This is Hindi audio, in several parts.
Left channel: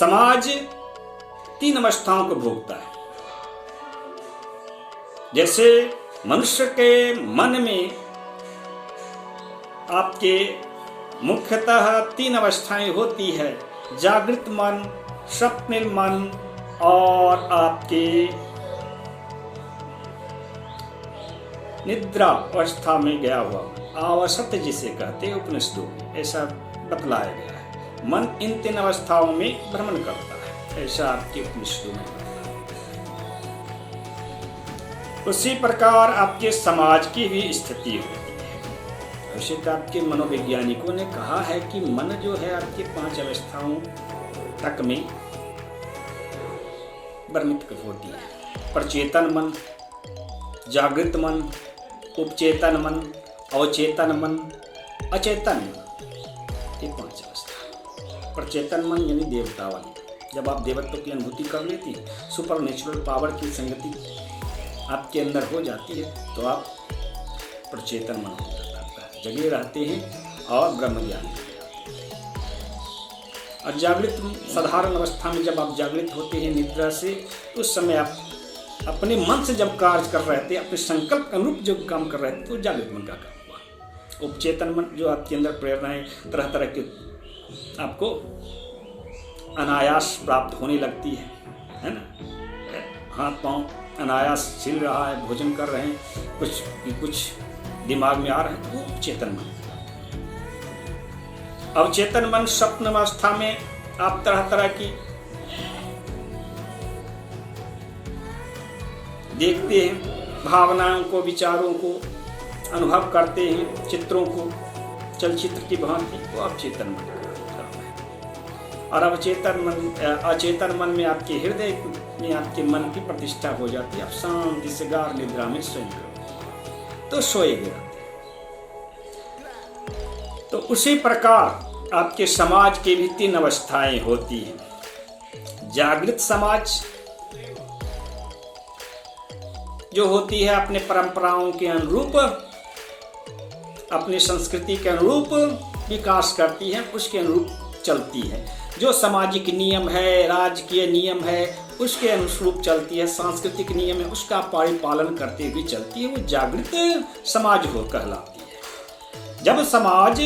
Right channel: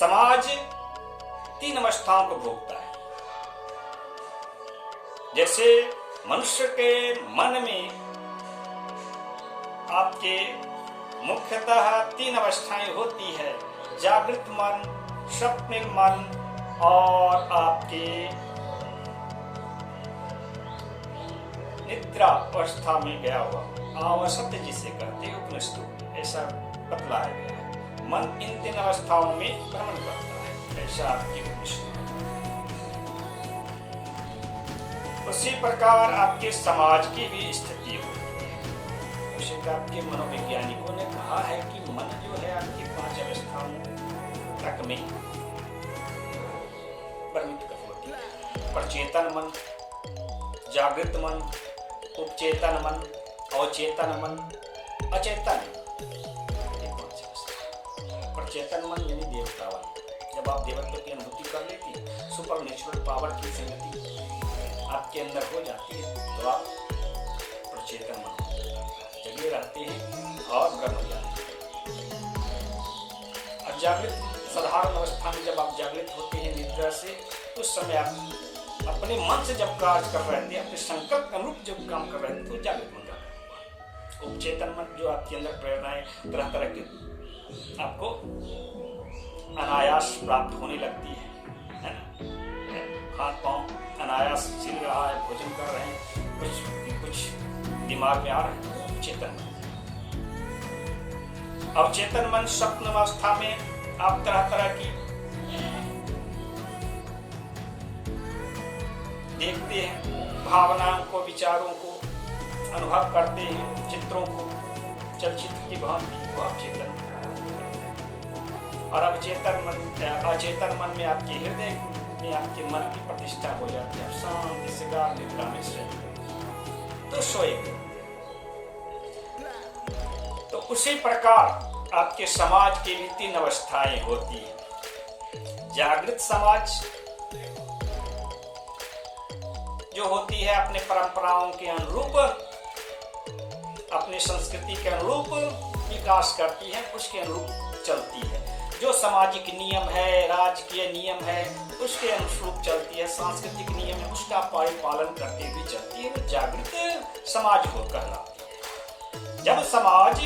समाज 3 अवस्थाओं को भोगता है। जैसे मनुष्य के मन में आपके मुख्यतः 3 अवस्थाएं होती है, जागृत मन, स्वप्निल मन और आपके निद्रा अवस्था में गया हुआ आवसत्य जिसे कहते हैं उपनिषदों में ऐसा बतलाया गया है। मन इन 3 अवस्थाओं में भ्रमण करता है, ऐसा आपके उपनिषदों में बतलाया है। उसी प्रकार आपके समाज की भी स्थिति होती है। उसी का आपके मनोवैज्ञानिकों ने कहा है कि मन जो है आपके 5 अवस्थाओं तक में वर्णित होती है। प्रचेतन मन, जागृत मन, उपचेतन मन, अवचेतन मन, अचेतन मन, ये 5 अवस्था। प्रचेतन मन यानी देवता वाली, जब आप देवत्व की अनुभूति कर लेती है, सुपर नेचुरल पावर की संगति आपके अंदर हो जाती है, तो आप प्रचेतन मन हो जाता है, जगे रहते हैं और ब्रह्म ज्ञान। और जागृत साधारण अवस्था में जब आप जागृत होते हैं निद्रा से, उस समय आप अपने मन से जब कार्य कर रहे थे, अपने संकल्प के अनुरूप जब काम कर रहे थे, तो जागृत मन का काम हुआ। उपचेतन मन जो आपके अंदर प्रेरणाएं तरह तरह के आपको अनायास प्राप्त होने लगती है ना। हाथ पांव अनायास छिल रहा है, भोजन कर रहे हैं, कुछ दिमाग में आ रहा है, वो उपचेतन मन। अवचेतन मन स्वप्न अवस्था में आप तरह तरह की देखते हैं, भावनाओं को, विचारों को अनुभव करते हैं, चित्रों को चलचित्र की भांति, तो अवचेतन मन करते हैं। और अचेतन मन में आपके हृदय में आपके मन की प्रतिष्ठा हो जाती है, आप शांति से गाढ़ निद्रा में स्वयं करते, तो सोए गए। तो उसी प्रकार आपके समाज की भी 3 अवस्थाएं होती हैं। जागृत समाज जो होती है अपने परंपराओं के अनुरूप, अपनी संस्कृति के अनुरूप विकास करती है, उसके अनुरूप चलती है। जो सामाजिक नियम है, राजकीय नियम है, उसके अनुरूप चलती है, सांस्कृतिक नियम है, उसका परिपालन करते हुए चलती है, वो जागृत समाज हो कहलाती है। जब समाज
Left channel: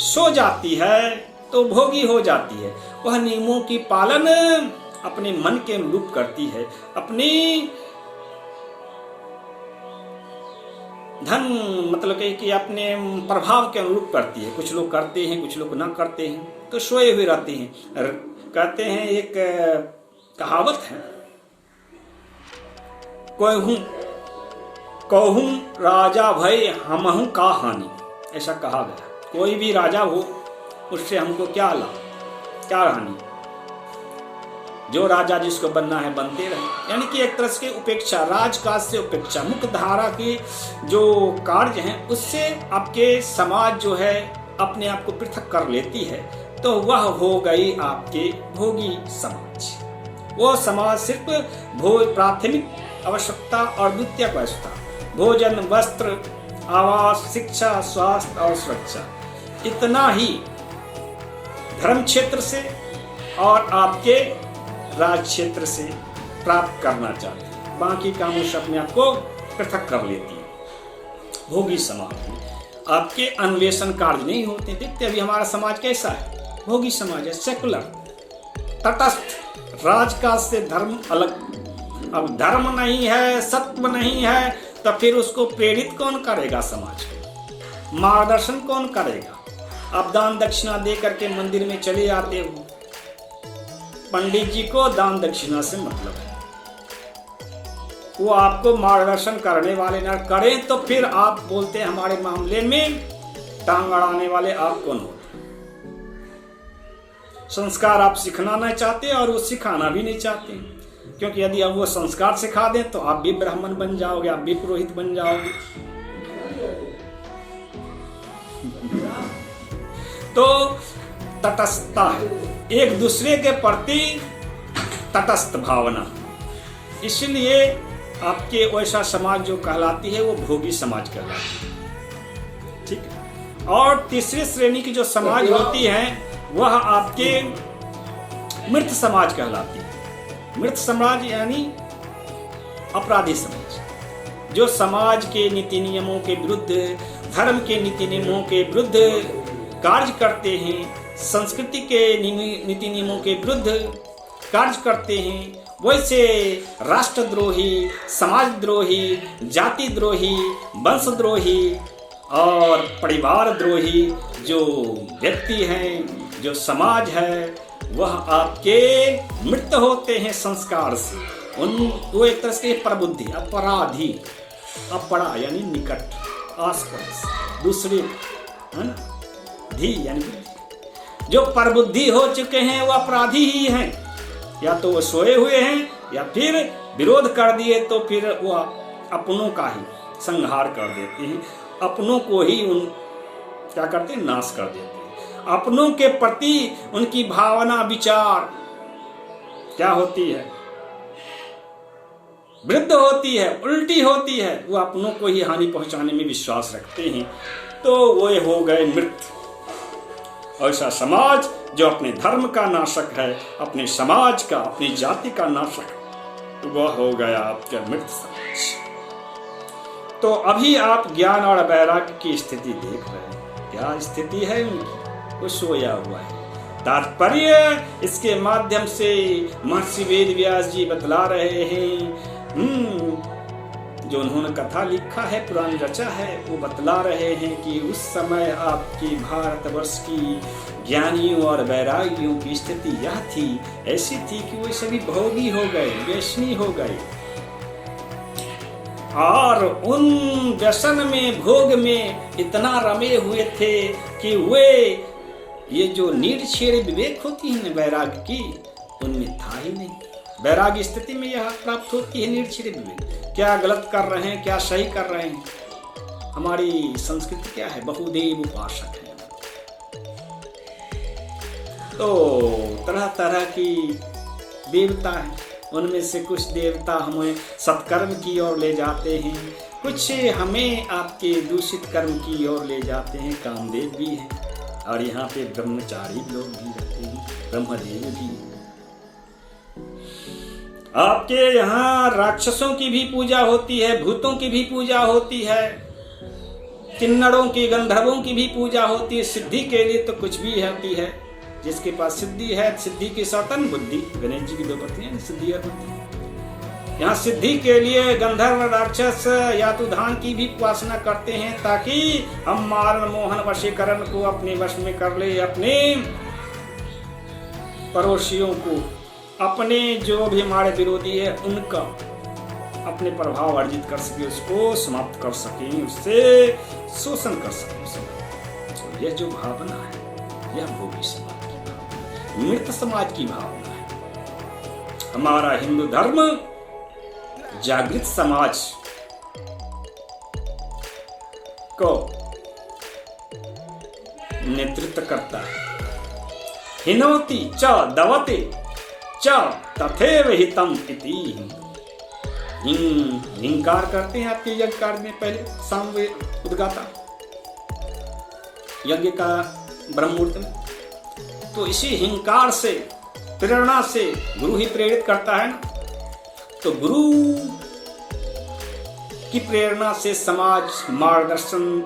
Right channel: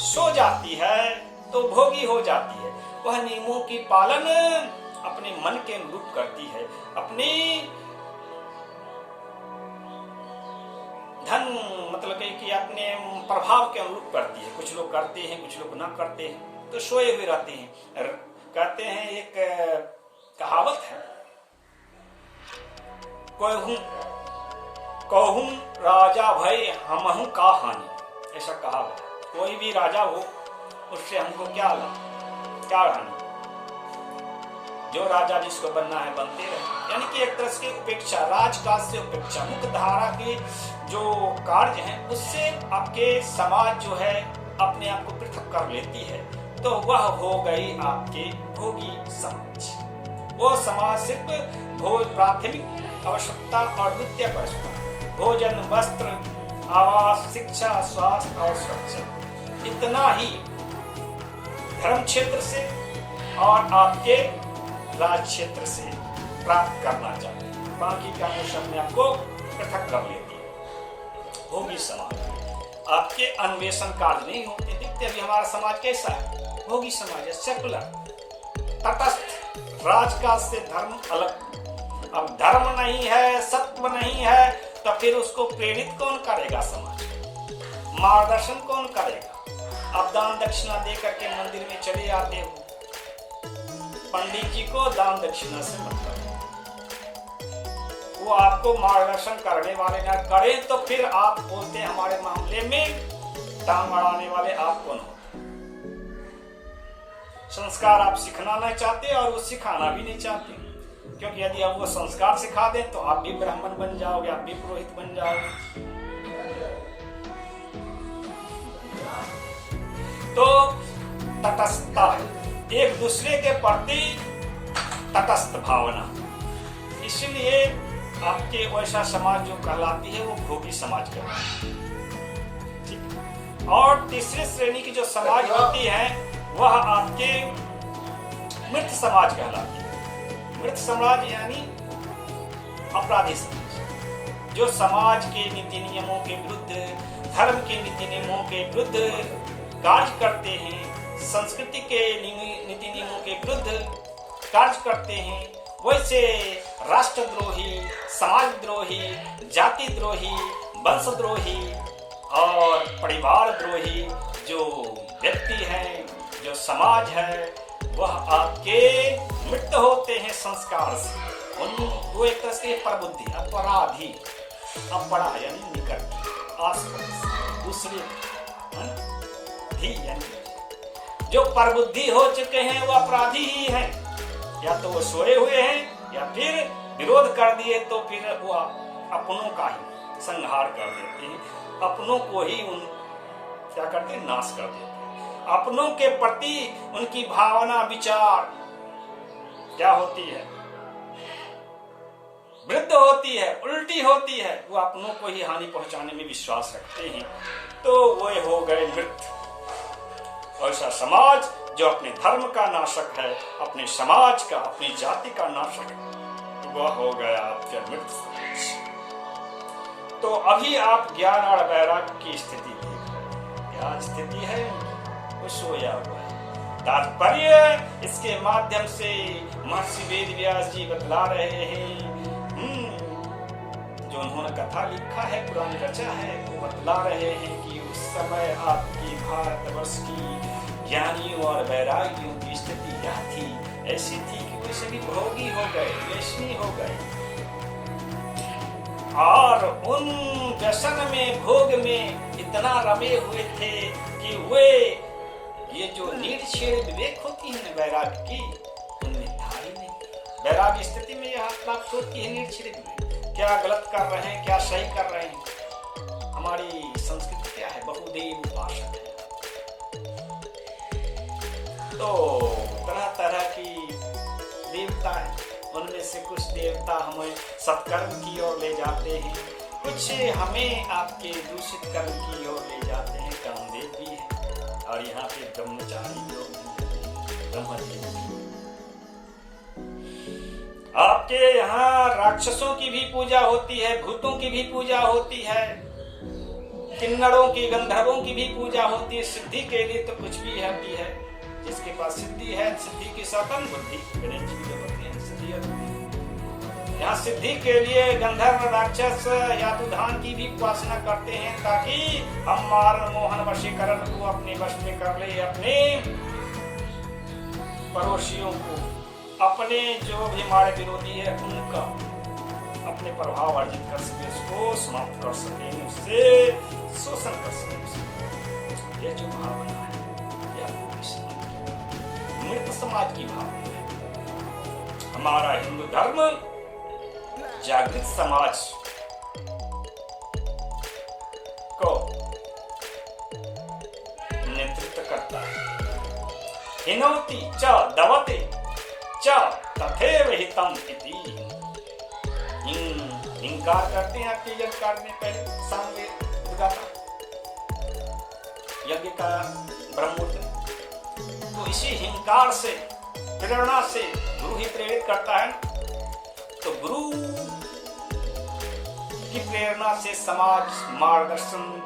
सो जाती है तो भोगी हो जाती है, वह नियमों की पालन अपने मन के अनुरूप करती है, अपनी धन मतलब कि अपने प्रभाव के अनुरूप करती है। कुछ लोग करते हैं, कुछ लोग ना करते हैं, तो सोए हुए रहते हैं। कहते हैं, एक कहावत है, कहूं राजा भय हमहु का हानि, ऐसा कहा गया। कोई भी राजा हो, उससे हमको क्या लाभ, क्या हानि। जो राजा जिसको बनना है बनते रहे, यानी कि एक तरह से उपेक्षा, राजकाज से उपेक्षा, मुख्य धारा के जो कार्य हैं उससे आपके समाज जो है अपने आप को पृथक कर लेती है, तो वह हो गई आपके भोगी समाज। वो समाज सिर्फ प्राथमिक आवश्यकता और द्वितीयक आवश्यकता, भोजन, वस्त्र, आवास, शिक्षा, स्वास्थ्य और सुरक्षा, इतना ही धर्म क्षेत्र से और आपके राज क्षेत्र से प्राप्त करना चाहते हैं। बाकी कामों से अपने आप को पृथक कर लेती है। भोगी समाज में आपके अन्वेषण कार्य नहीं होते। देखते अभी हमारा समाज कैसा है, भोगी समाज है, सेकुलर, तटस्थ, राजकाज से धर्म अलग। अब धर्म नहीं है, सत्व नहीं है, तो फिर उसको प्रेरित कौन करेगा, समाज को मार्गदर्शन कौन करेगा। आप दान दक्षिणा दे करके मंदिर में चले आते हो, पंडित जी को दान दक्षिणा से मतलब है, वो आपको मार्गदर्शन करने वाले ना करें, तो फिर आप बोलते हैं हमारे मामले में टांग अड़ाने वाले आप कौन होते। संस्कार आप सिखाना नहीं चाहते और वो सिखाना भी नहीं चाहते, क्योंकि यदि अब वो संस्कार सिखा दें तो आप भी ब्राह्मण बन जाओगे, आप भी पुरोहित बन जाओगे। तो तटस्थता है, एक दूसरे के प्रति तटस्थ भावना, इसलिए आपके वैसा समाज जो कहलाती है वो भोगी समाज कहलाती है। ठीक। और तीसरी श्रेणी की जो समाज होती है वह आपके मृत समाज कहलाती है। मृत समाज यानी अपराधी समाज, जो समाज के नीति नियमों के विरुद्ध, धर्म के नीति नियमों के विरुद्ध कार्य करते हैं, संस्कृति के नीति नियमों के विरुद्ध कार्य करते हैं, वैसे राष्ट्रद्रोही, समाजद्रोही, जाति द्रोही, वंशद्रोही और परिवार द्रोही जो व्यक्ति हैं, जो समाज है, वह आपके मृत होते हैं संस्कार से। वो एक तरह से प्रबुद्धि, अपराधी, अपरा यानी निकट, आसपास, दूसरे, है ना, धी यानी जो प्रबुद्धि हो चुके हैं वो अपराधी ही हैं। या तो वो सोए हुए हैं या फिर विरोध कर दिए तो फिर वो अपनों का ही संहार कर देते हैं, अपनों को ही उन क्या करते हैं, नाश कर देते हैं। अपनों के प्रति उनकी भावना, विचार क्या होती है, वृद्ध होती है, उल्टी होती है। वो अपनों को ही हानि पहुंचाने में विश्वास रखते हैं, तो वो हो गए मृत। ऐसा समाज जो अपने धर्म का नाशक है, अपने समाज का, अपनी जाति का नाशक, वह हो गया आपका मृत समाज। तो अभी आप ज्ञान और वैराग्य की स्थिति देख रहे हैं। क्या स्थिति है उनकी? वो सोया हुआ है। तात्पर्य इसके माध्यम से महर्षि वेद व्यास जी बतला रहे हैं, जो उन्होंने कथा लिखा है, पुराण रचा है, वो बतला रहे हैं कि उस समय आपकी भारतवर्ष की ज्ञानियों और वैरागियों की स्थिति यह थी, ऐसी थी कि वो सभी भोगी हो गए, व्यसनी हो गए, और उन व्यसन में, भोग में इतना रमे हुए थे कि वे ये जो निर्छेड़ विवेक होती है ना वैराग्य की, उनमें था ही नहीं। वैराग्य स्थिति में यह प्राप्त होती है निर्छेड़ विवेक, क्या गलत कर रहे हैं, क्या सही कर रहे हैं। हमारी संस्कृति क्या है, बहुदेव उपासक है। तो तरह तरह की देवता हैं, उनमें से कुछ देवता हमें सत्कर्म की ओर ले जाते हैं, कुछ हमें आपके दूषित कर्म की ओर ले जाते हैं। कामदेव भी है, और यहाँ पे ब्रह्मचारी लोग भी रहते हैं, ब्रह्मदेव भी। आपके यहाँ राक्षसों की भी पूजा होती है, भूतों की भी पूजा होती है, किन्नरों की, गंधर्वों की भी पूजा होती है। सिद्धि के लिए तो कुछ भी होती है। जिसके पास सिद्धि है, सिद्धि की साधन बुद्धि, गणेश जी की दो पत्नियां हैं, सिद्धि और बुद्धि। यहाँ सिद्धि के लिए गंधर्व, राक्षस, यातुधान की भी उपासना करते हैं, ताकि हम मारण, मोहन, वशीकरण को अपने वश में कर ले, अपने पड़ोसियों को, अपने जो भी हमारे विरोधी है उनका अपने प्रभाव अर्जित कर सके, उसको समाप्त कर सके, उससे शोषण कर सके। यह जो भावना है, यह भोगी समाज की भावना, मृत समाज की भावना है। हमारा हिंदू धर्म जागृत समाज को नेतृत्व करता है। हिनोति च दवते च तथैव हितम इति। हिंकार करते हैं आपके यज्ञकार में, पहले सामवेद उद्गाता यज्ञ का ब्रह्ममुहूर्त में। तो इसी हिंकार से, प्रेरणा से गुरु ही प्रेरित करता है ना। तो गुरु की प्रेरणा से समाज मार्गदर्शन,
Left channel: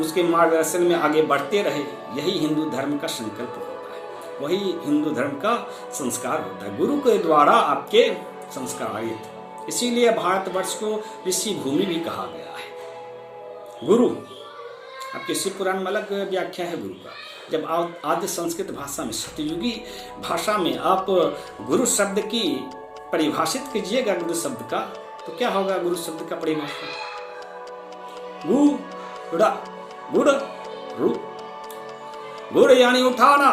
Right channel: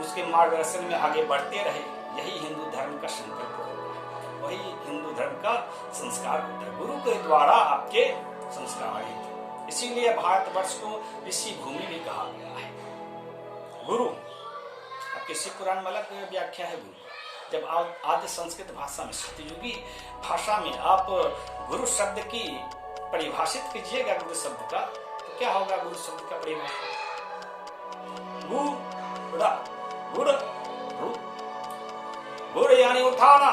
उसके मार्गदर्शन में आगे बढ़ते रहे, यही हिंदू धर्म का संकल्प होता है, वही हिंदू धर्म का संस्कार होता है। गुरु के द्वारा आपके संस्कारित, इसीलिए भारतवर्ष को ऋषि भूमि भी कहा गया है। गुरु आपके शिव पुराण में अलग व्याख्या है गुरु का। जब आप आद्य संस्कृत भाषा में, सतयुगी भाषा में आप गुरु शब्द की परिभाषित कीजिएगा, गुरु शब्द का, तो क्या होगा गुरु शब्द का परिभाषा? गुड़, रू, गुड़ यानी उठाना,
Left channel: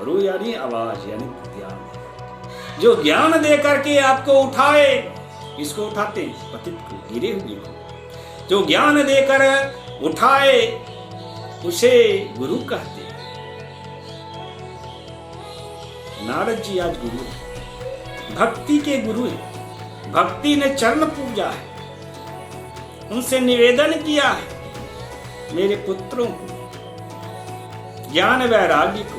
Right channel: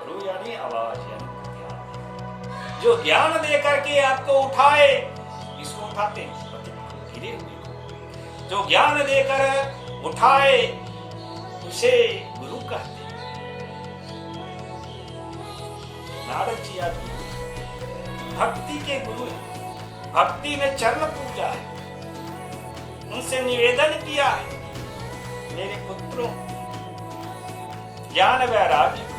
रू यानी आवाज, यानी ज्ञान। जो ज्ञान दे करके आपको उठाए, इसको उठाते हैं पतित को, गिरे हुए को। जो ज्ञान देकर उठाए उसे गुरु कहते हैं। नारद जी आज गुरु है, भक्ति के गुरु है। भक्ति ने चरण पूजा है, उनसे निवेदन किया है, मेरे पुत्रों को, ज्ञान वैराग्य को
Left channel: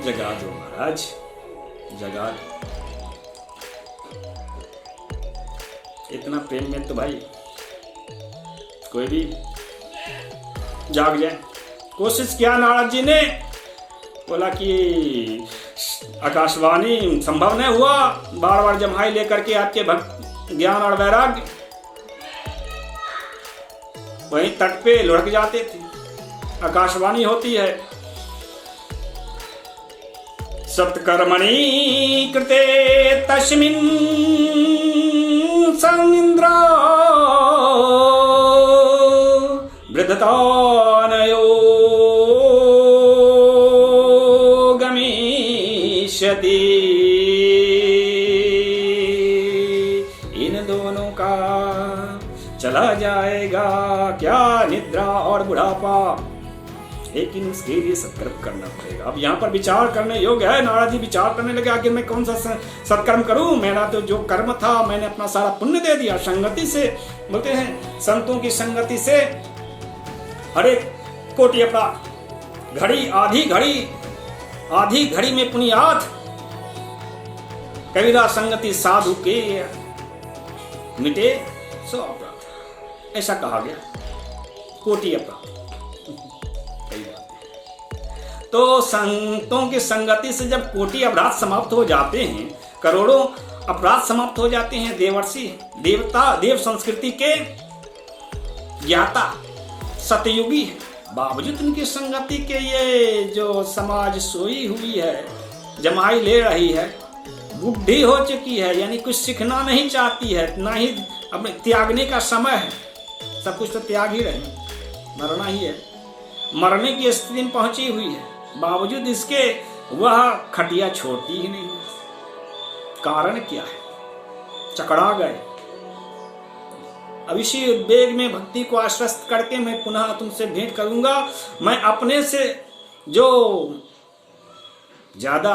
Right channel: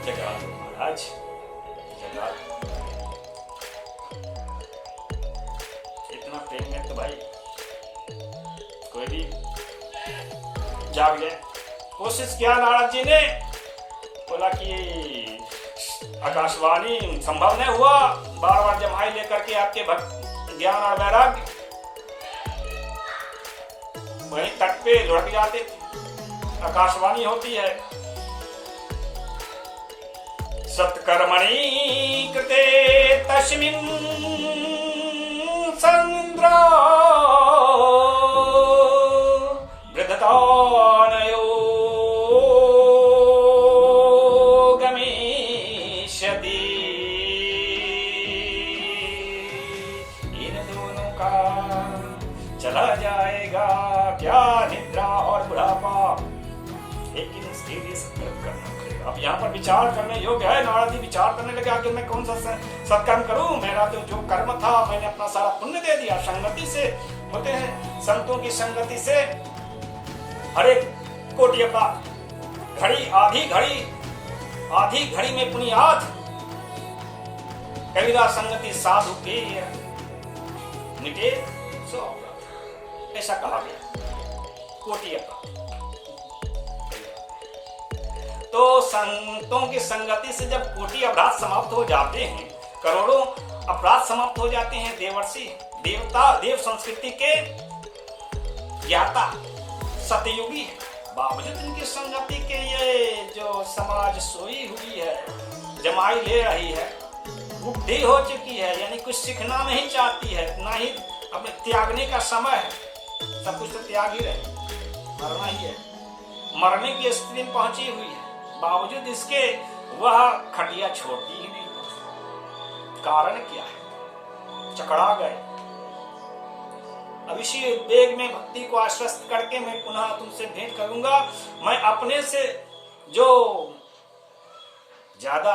जगा दो महाराज, जगा दो। इतना प्रेम में तो भाई कोई भी जाग जाए। कोशिश किया नारद जी ने, बोला कि आकाशवाणी संभव नहीं हुआ, बार बार जम्हाई लेकर के आपके भक्त ज्ञान और वैराग्य वहीं तट पे लुढ़क जाते थे। आकाशवाणी होती है, सत्कर्मणि कृते तस्मिन् सनिन्द्रा वृद्धतानयो गमिष्यति। इन दोनों का चला जाएगा क्या निद्रा और बुढ़ापा, लेकिन इसके लिए सत्कर्म करना पड़ेगा। अब यहाँ पर विचार करने योग्य है। नारद जी विचार करने लगे, आखिर मैं कौन सा सत्कर्म करूं, मेरा तो जो कर्म था मैंने अपना सारा पुण्य दे दिया। संगति से बोलते हैं, संतों की संगति से हरे कोटि अपराध, घड़ी आधी घड़ी में पुण्यात, कबीरा संगति साधु के मिटे सो अपराध, ऐसा कहा गया। कोटि अपराध। तो संतों की संगति से जब कोटि अपराध समाप्त हो जाते हैं, करोड़ों अपराध समाप्त हो जाते हैं, देवर्षि देवता देव संस्कृति के ज्ञाता सतयुगी, बावजूद उनकी संगति के ये जो समाज सोई हुई है, जमाई ले रही है, बुढ़ी हो चुकी है, यानी कुछ सीखना नहीं चाहती है, ना ही अपने त्यागने का समय है, सब कुछ तो त्याग ही रहे, मरना ही है, मरने की स्थिति में पहुंची हुई है, बावजूद इसके वह खटिया छोड़ती ही नहीं। कारण क्या है? चकरा गए। अब इसी वेग में भक्ति को आश्वस्त करके मैं पुनः तुमसे भेंट करूंगा। मैं अपने से जो ज्यादा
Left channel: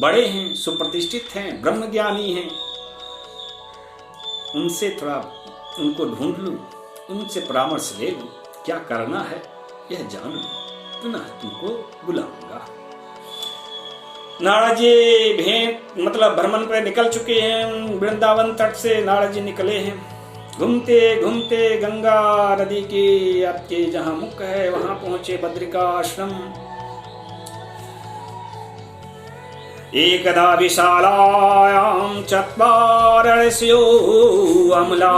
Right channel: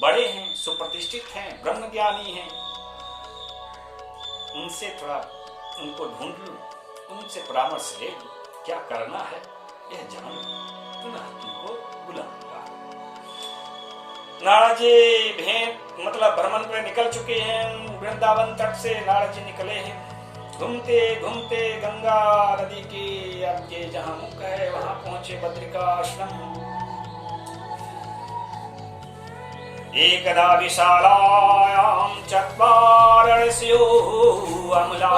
बड़े हैं, सुप्रतिष्ठित हैं, ब्रह्मज्ञानी हैं, उनसे थोड़ा उनको ढूंढ लूं, उनसे परामर्श ले लूं, क्या करना है यह जान लूं, पुनः तुमको बुलाऊंगा। नारद जी भेंट मतलब भ्रमण पर निकल चुके हैं। वृंदावन तट से नारद जी निकले हैं। घूमते घूमते गंगा नदी के आपके जहां मुख है वहां पहुंचे बद्रिका आश्रम। एकदा विशालायां चत्वारस्यो अमला